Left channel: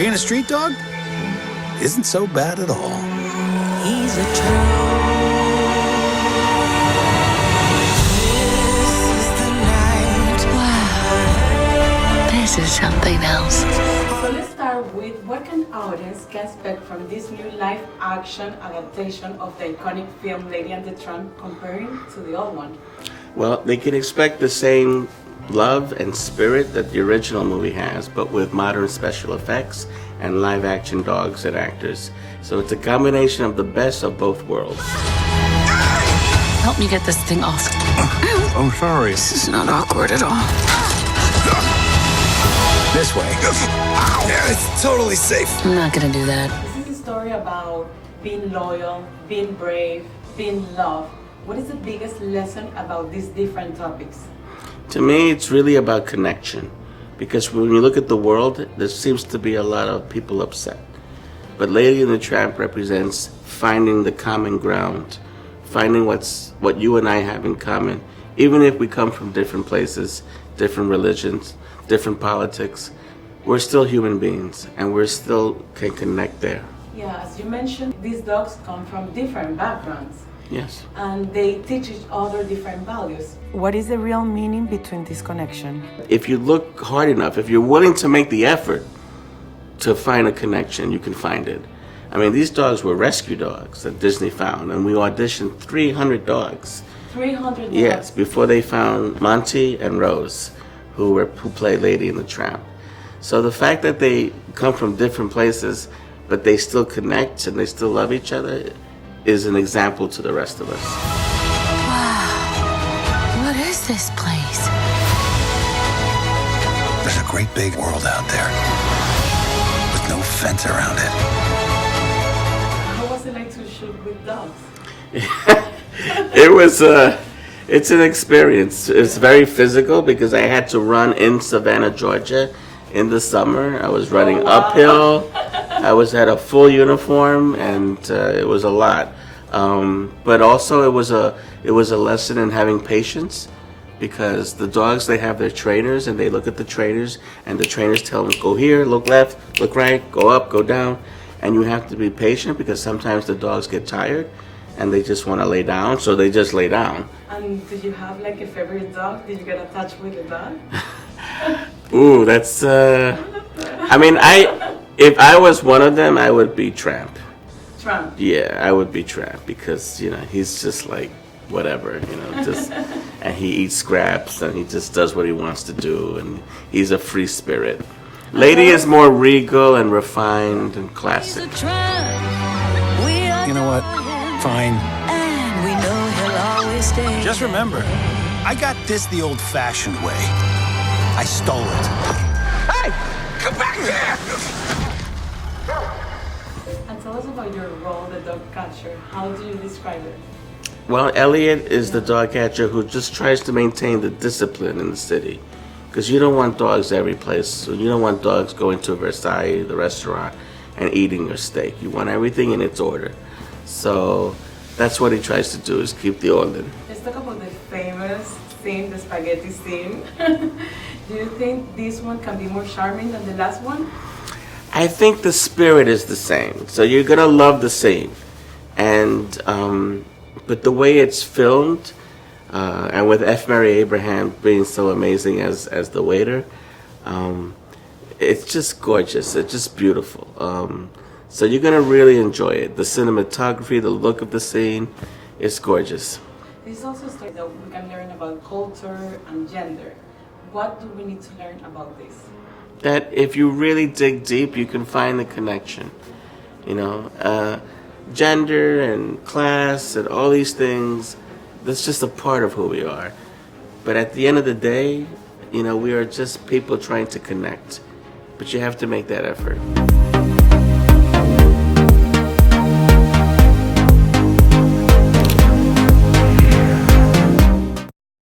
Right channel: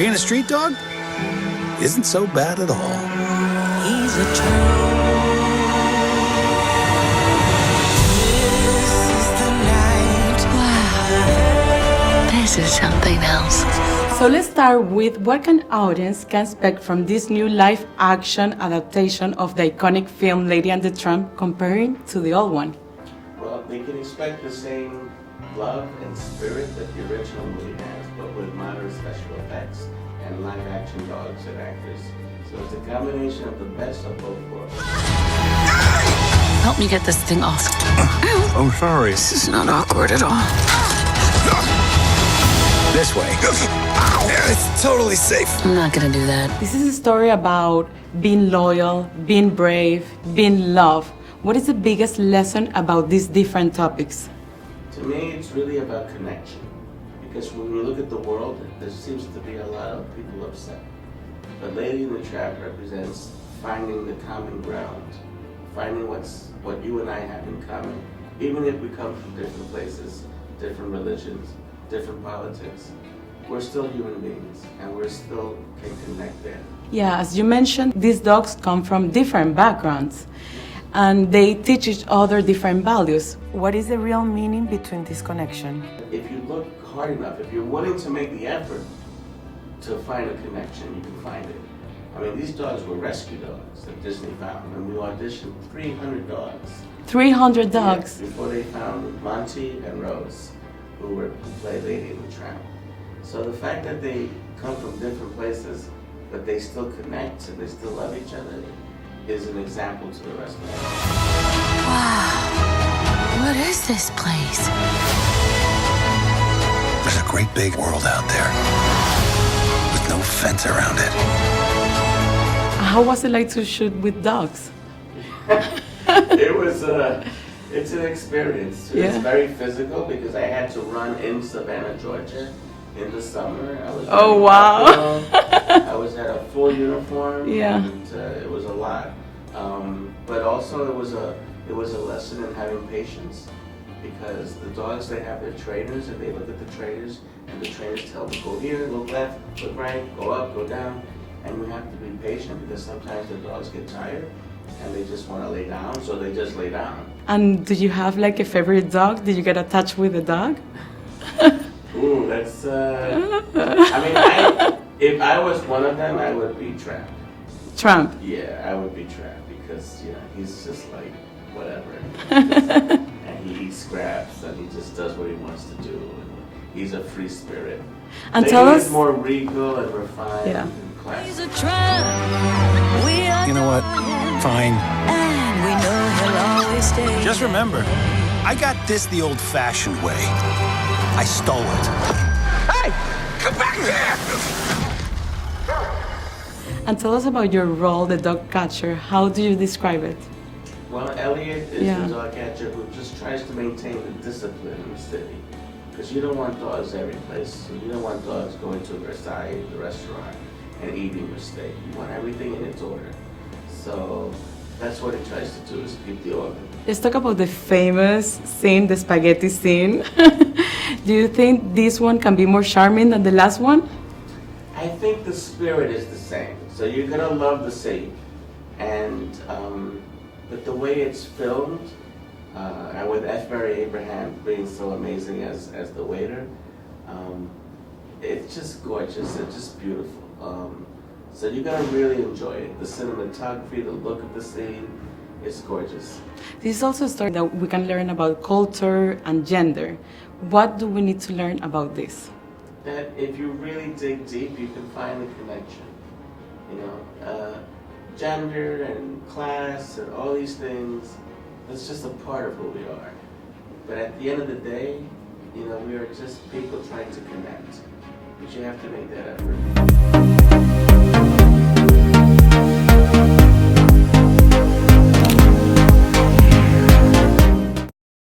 being a street dog isn't so bad at all. He's a tramp. This is the night. Wow. This is something else. So let's start with what an audience can expect from this new live-action adaptation of the iconic film Lady and the Tramp comparing to the old one. Well, they can expect the same love and spirit that the original movie has, but with modern special effects and live-action dogs and actors. So it's a combination of the best of both worlds. Help me get this thing off. I'm sorry. This is not awkward at all. This way. Yeah, it's totally safe. I'm not gonna do that. This is a story about being loyal, being brave, being loved. What is the biggest lesson about these different topics? To me, it's really about connection. Because when you look at the world, there seems to be a lot of people upset. But Lady and the Tramp represents finding the common ground, finding what you and I have in common. Even if we come from different places, different religions, different politics, we're still human beings and we still can connect there. Yeah, as you mentioned, these dogs come from different backgrounds. Yes. And they teach each other different values. What is the real meaning between this connection? If you look hard enough, if you're willing to make the effort to find a connection, you can find it. I mean, these dogs were rescue dogs that Disney found, and we auditioned 300 dogs. 300 dogs? Yes, before they found Monty and Rose, who played Lady and the Tramp. So the fact that they come from different places, but they still connect and they still love each other, is an example to the rest of us. Wow. What is this place? There's a great big world out there with no fence around it. How was it like to shoot with dogs? It's an experience. It's very physical because I had to run in Savannah, Georgia in the summer. I was running uphill. I had a full uniform, and it was a lot. But also it was a lesson in having patience, because the dogs, they have their trainers and they look at the trainers, and the trainers tell them, go here, look left, look right, go up, go down. And you have to be patient because sometimes the dogs get tired and they just want to lay down, so they just lay down. And do you have like a favorite dog? Did you get attached with a dog? Ooh, that's, I mean, if I was one of them, I would be Tramp. Tramp? Yeah, I would be Tramp because, he's just like, whatever, just, and he eats scraps and he just does what he wants to do, and he's a free spirit. And Lady is more regal and refined and classic. He's a tramp. We You know what? Fine. And we know he'll always stay. Just remember, I got this the old-fashioned way. I stole it. Hey! Come back here! And tell us about your role, the dog catcher. How do you describe it? Well, Elliot is the dog catcher who just tries to maintain the discipline in the city. Because you don't want dogs every place. So you don't want dogs going to Versailles, the restaurant, and eating your steak. You want everything in its order. So that's what he tries to do, is keep the order. Let's talk about the famous scene, the spaghetti scene. Do you think this one can be more charming than the last one? I think the spirit is the same. So you're gonna love the scene. And, but the way it's filmed, and with F. Mary Abraham being so amazing as the waiter, it's just gorgeous. It's just beautiful. So you're gonna really enjoy it. The cinematography, the look of the scene, it's gorgeous. This is also a story that we can learn about culture and gender. What do we need to learn about this? That if you really dig deep, you can find the connection. Gender and class and all these things, that's just a part of who we are. But at the end of the day, we are just people trying to connect. But you have to make that effort.